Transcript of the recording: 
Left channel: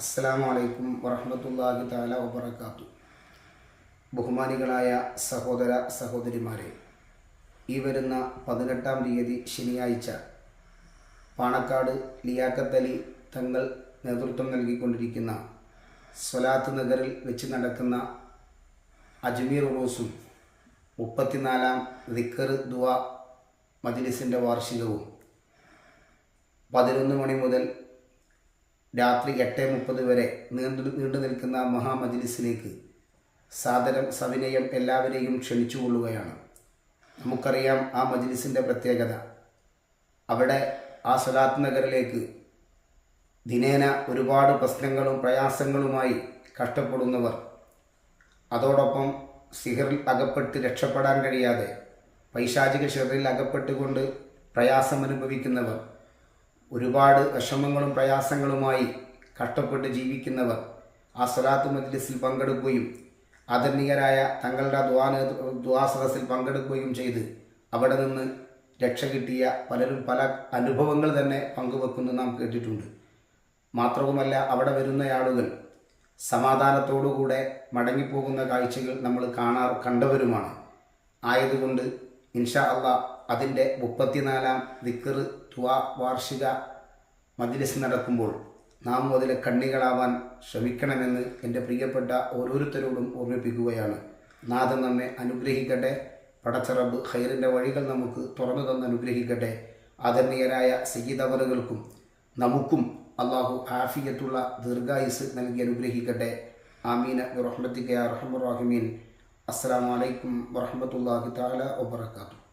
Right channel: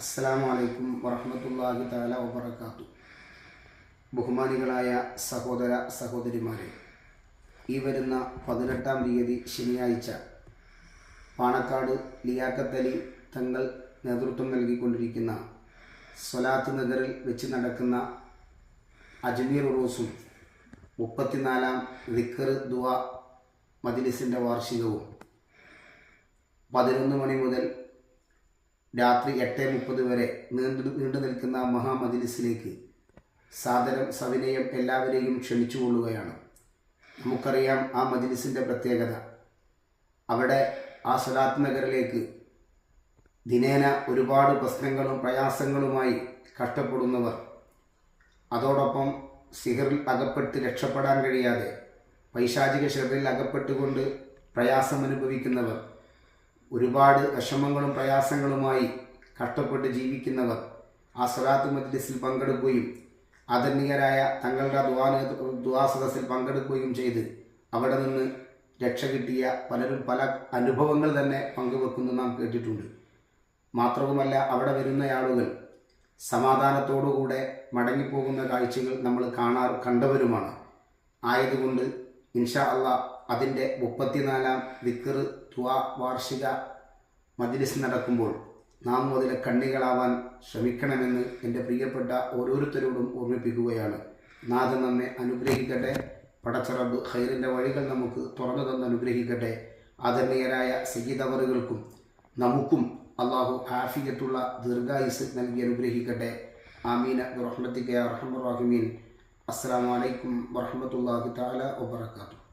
അസ്സലാമു അലൈക്കും വറഹ്മത്തുള്ളാഹി തആല വബറകാതുഹു. ബഹുമാനികളായ സഹോദര സഹോദരിമാരെ, ഈ വരുന്ന 18-ാം തീയതി ശനിയാഴ്ച പാണക്കാട് ലിയാഖത്ത് തങ്ങൾ നേതൃത്വം നൽകിക്കൊണ്ടിരിക്കുന്ന സ്വലാത്ത് നഗറിൽ വെച്ച് നടക്കുന്ന അജ്മീർ ഉറൂസും 34-ാം ദിക്ർ ദുആ മജ്ലിസിൻ്റെ വാർഷികവും 11 മണി മുതൽ രാത്രി 8:30 വരെ നീണ്ടു നിൽക്കുന്ന മഹാമജ്ലിസിലേക്ക് സാദരം സവിനയം എല്ലാവരെയും ക്ഷണിച്ചുകൊള്ളുകയാണ്. നമുക്കറിയാം ആ മജ്ലിസിൻ്റെ പ്രത്യേകത. അവിടെ ആ സ്വലാത്ത് നഗറിലേക്ക് ദിനേന ഒരുപാട് പ്രശ്നങ്ങളും പ്രയാസങ്ങളുമായി കഷ്ടപ്പെടുന്നവർ, അതോടൊപ്പം സിഹറിൽ അകപ്പെട്ട് രക്ഷപ്പെടാൻ കഴിയാതെ പൈശാചിക ഷെറിൽ അകപ്പെട്ടുകൊണ്ട് പ്രയാസമനുഭവിക്കുന്നവർ, ഒരുപാട് വിഷമങ്ങളും പ്രയാസങ്ങളുമായി കഷ്ടപ്പെട്ട് ജീവിക്കുന്നവർ ആ സ്വലാത്ത് മജ്ലിസിൽ പങ്കെടുക്കുകയും ആദരണീയരായ തങ്ങളുടെ ദുആ സദസ്സിൽ പങ്കെടുക്കുകയും ചെയ്ത് അവിടെ നിന്ന് രക്ഷ കിട്ടിയ പലരും പല അനുഭവങ്ങൾ തന്നെ പങ്കുവെക്കുന്നു നാം കേട്ടിട്ടുണ്ട്. മാത്രവുമല്ല, അവിടെ വരുന്ന ആളുകൾ സമാധാനത്തോടുകൂടെ മടങ്ങിപ്പോകുന്ന കാഴ്ചകൾ നമ്മൾ കണ്ടവരുമാണ്. ആയതുകൊണ്ട് ഇൻഷാ അല്ലാഹ് അതിൻ്റെ 34-ാം ദിക്ർ ദുആ വാർഷിക മജ്ലിസ് നടക്കുമ്പോൾ നാം മുതൽ കണ്ണികളാവാൻ ശ്രമിക്കണമെന്ന് എൻ്റെ പ്രിയപ്പെട്ട ഓരോരുത്തരോടും ഓർമ്മിപ്പിക്കുകയാണ്. നാഥൻ നമ്മെ അനുഗ്രഹിക്കട്ടെ. പടച്ച റബ്ബ് ഖൈറിൻ്റെ വഴികൾ നമുക്ക് തുറന്നു തന്ന് അനുഗ്രഹിക്കട്ടെ. ആദരണീയരായ സയ്യിദ് അവറുകൾക്കും നമുക്കും അള്ളാഹു ആഫിയത്തുള്ള ദീർഘായുസ് നൽകി അനുഗ്രഹിക്കട്ടെ. ആമീന ബിറഹ്മതിക യാ അർഹമർ റഹീമീൻ. അസ്സലാമു അലൈക്കും വറഹ്മത്തുള്ളാഹി തആല വബറകാതുഹു.